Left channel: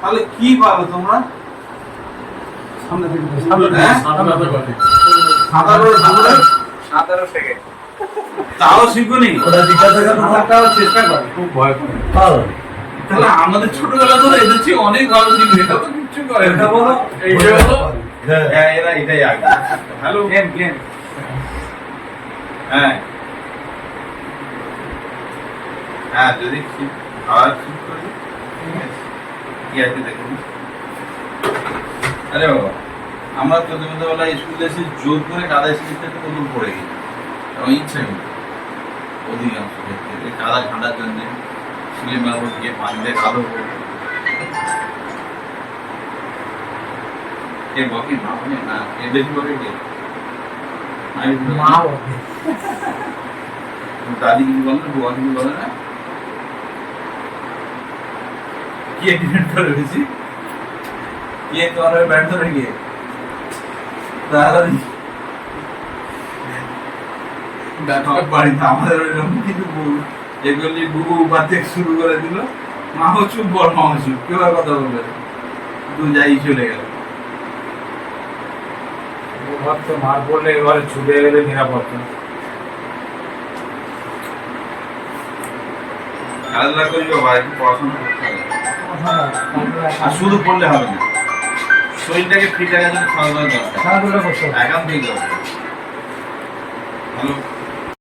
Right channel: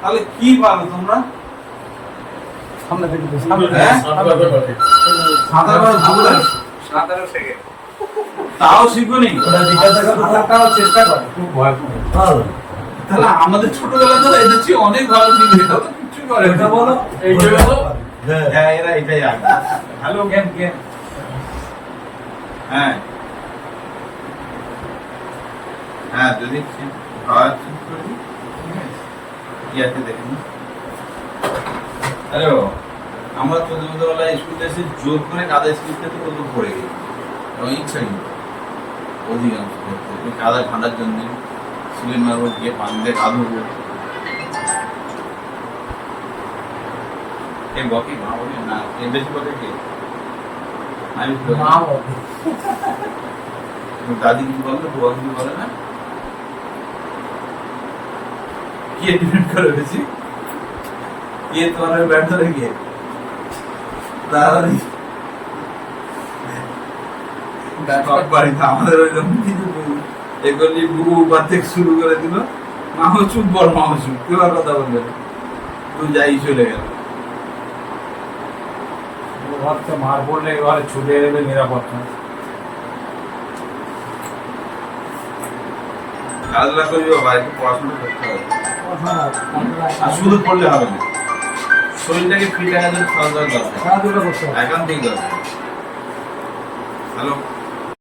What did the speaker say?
তাহলে কি পারো তোমরা? সামনে থেকে সাঁতারও শেখে। তাও শিখুনি। ওরা জিজ্ঞাসা করার চেষ্টা করে, খুব ভয় করে। তাহলে আমাদের ছোটবেলা ধরে এদের চেয়ে অনেক ভালো শিখবে। এটা তো কিচ্ছু করে না। এটা বলো, এইটা বলো। হ্যাঁ। হ্যাঁ, এরা এটাই আগে। Hello game game. হ্যাঁ হ্যাঁ, যদি খাওয়া ঠিক করি কি আছে দেখুন। হ্যালো, আমরা চোদ্দবেলায় স্কুলে এসে জোর করে কাদা স্কুল থেকে প্রথম পড়ে গেছি, এবং ইচ্ছা নেই অধিকাংশ ক্ষেত্রে এই কাদা ঠান্ডার জন্য স্কুলে মারবো গিয়ে পানি দিয়ে কাঁদবো। এ বকে মা বলে না, এ বেশি বকে কে? আমি মা বলে। দাদি কিছু বলে না, বুয়া কিছু বলে না? কি এগ্রিমেন্ট করে গেছি কি তোমার ব্যর্থ রেখে দাদি বাড়িতে আমাদের ওইরকম কিছু এগুলি বুবু উপার থেকে শুরু করে দিল। মাও চুপ, বল মাও চুপ, কেউ আর কথা বলবে না, তুই যাই চলে গেল। ভাবছো মার পড়লে এবারে ছুটে গেলে নিরাপদ না। খেলাধুলা করি বাবা, একটু পড়াশোনা করতে হবে। আর শুধু পড়লে হবে না, শরীরটাকে ফিট রাখার জন্য খেলাধুলা দরকার, খেলাধুলা করতে হবে। একান্তই দরকার। হ্যালো।